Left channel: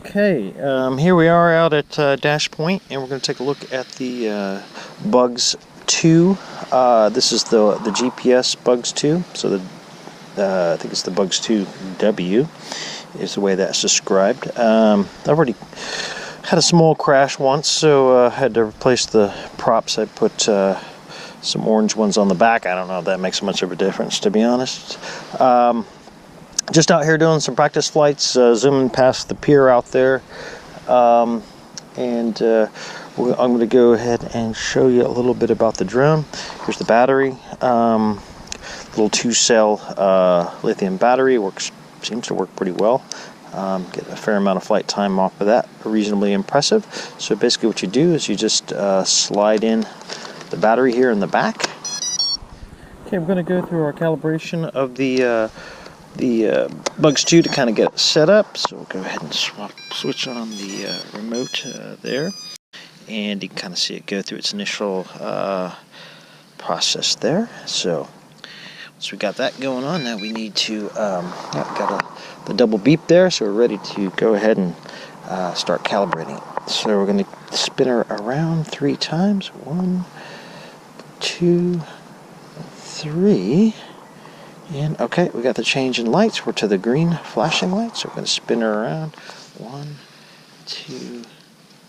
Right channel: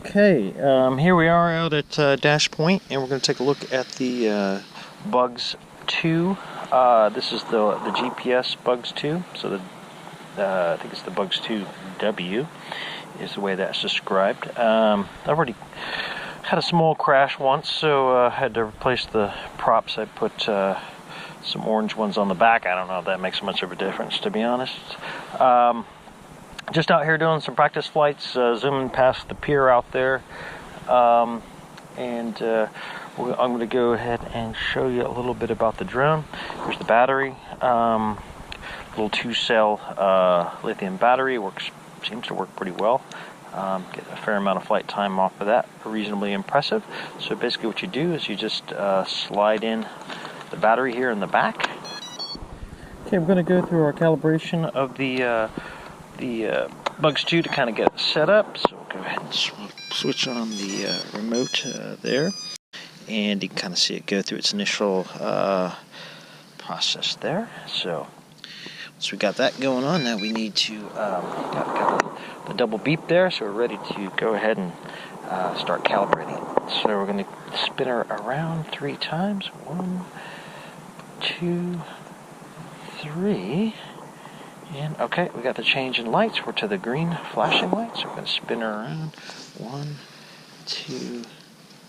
Okay, here we are out at Dash Point, and we're going to take a look at the Bugs 2. This is the GPS Bugs 2, so I think it's the Bugs 2W is the way that's described. I've already had a small crash once, so I had to replace the props. I put some orange ones on the back. I don't know if that makes much of a difference, to be honest. Just out here doing some practice flights, zooming past the pier out there, and I'm going to go ahead and show you a little bit about the drone. Here's the battery, little 2-cell lithium battery. Seems to work pretty well. Get a fair amount of flight time off of that, reasonably impressive. So basically what you do is you just slide in the battery here in the back. Okay, we're going to go through our calibration of the Bugs 2 to kind of get it set up. So we'll go ahead and switch on the remote there, and you can kind of see it go through its initial process there. So once we got that going on, now we need to got the double beep there, so we're ready to go ahead and start calibrating. So we're going to spin her around 3 times. 1, 2, 3. And okay, we got the change in lights. We're to the green flashing light, so we're going to spin her around. 1, 2,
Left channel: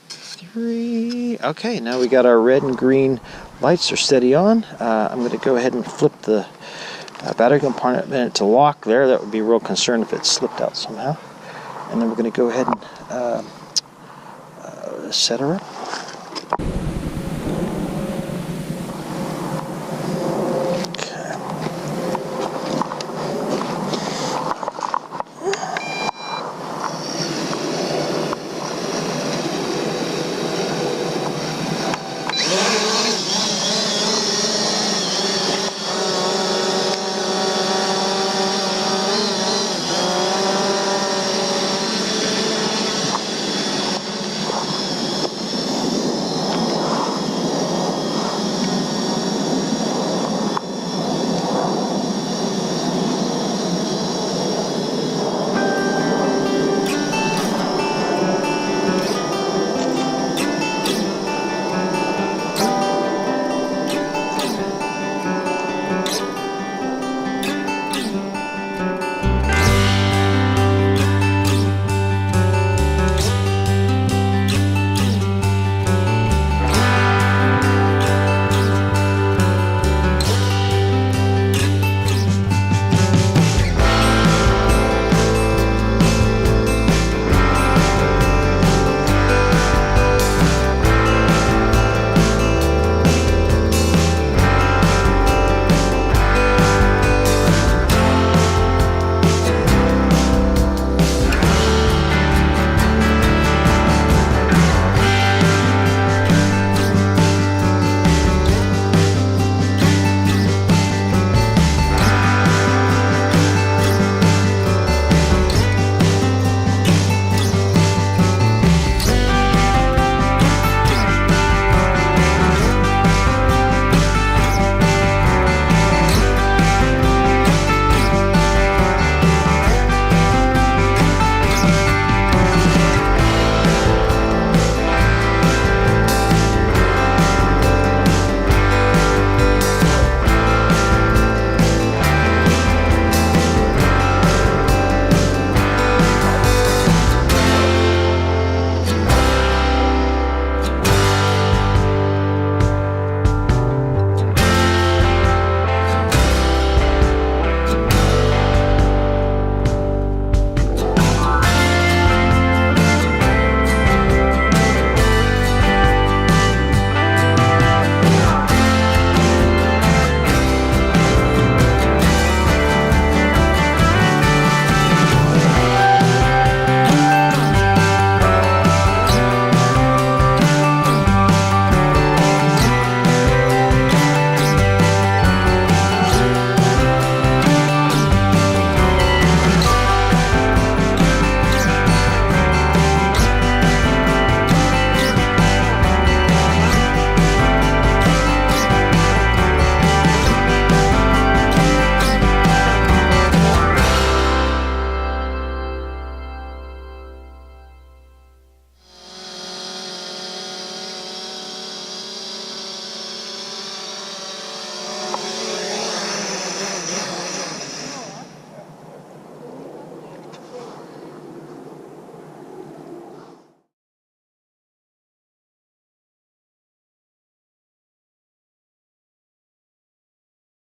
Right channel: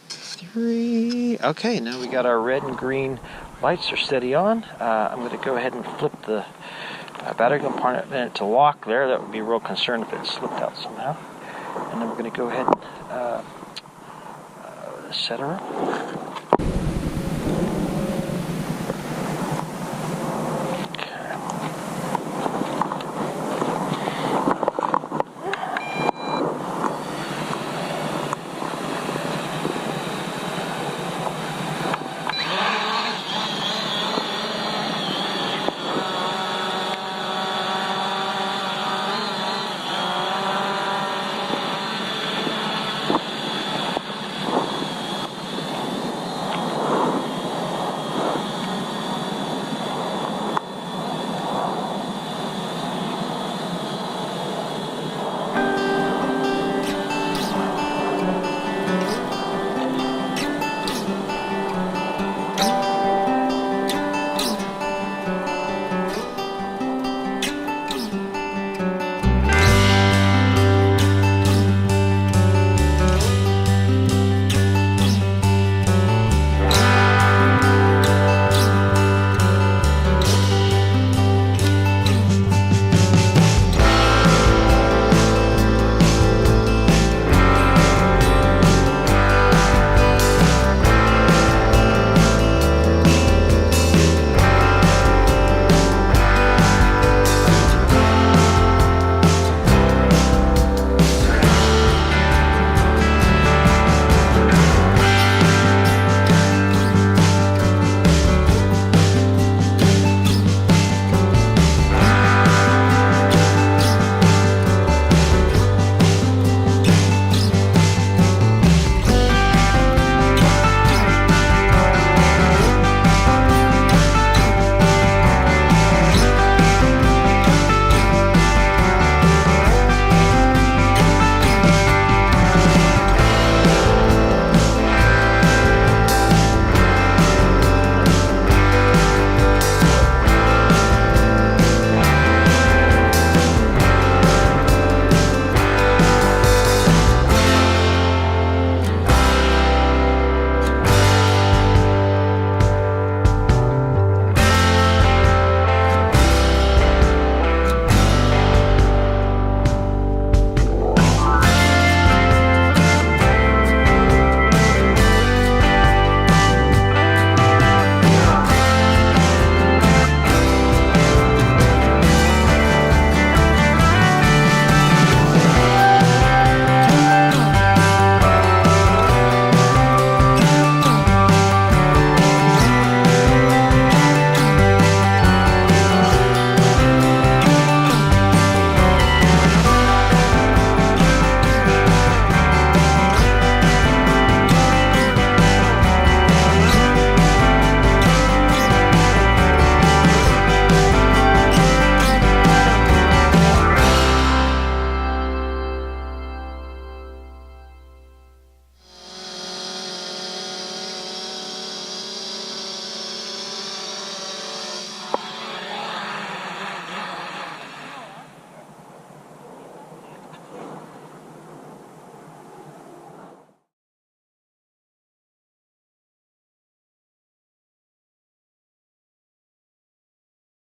3. Okay, now we got our red and green lights are steady on. I'm going to go ahead and flip the battery compartment to lock there. That would be a real concern if it slipped out somehow. And then we're going to go ahead and set her up.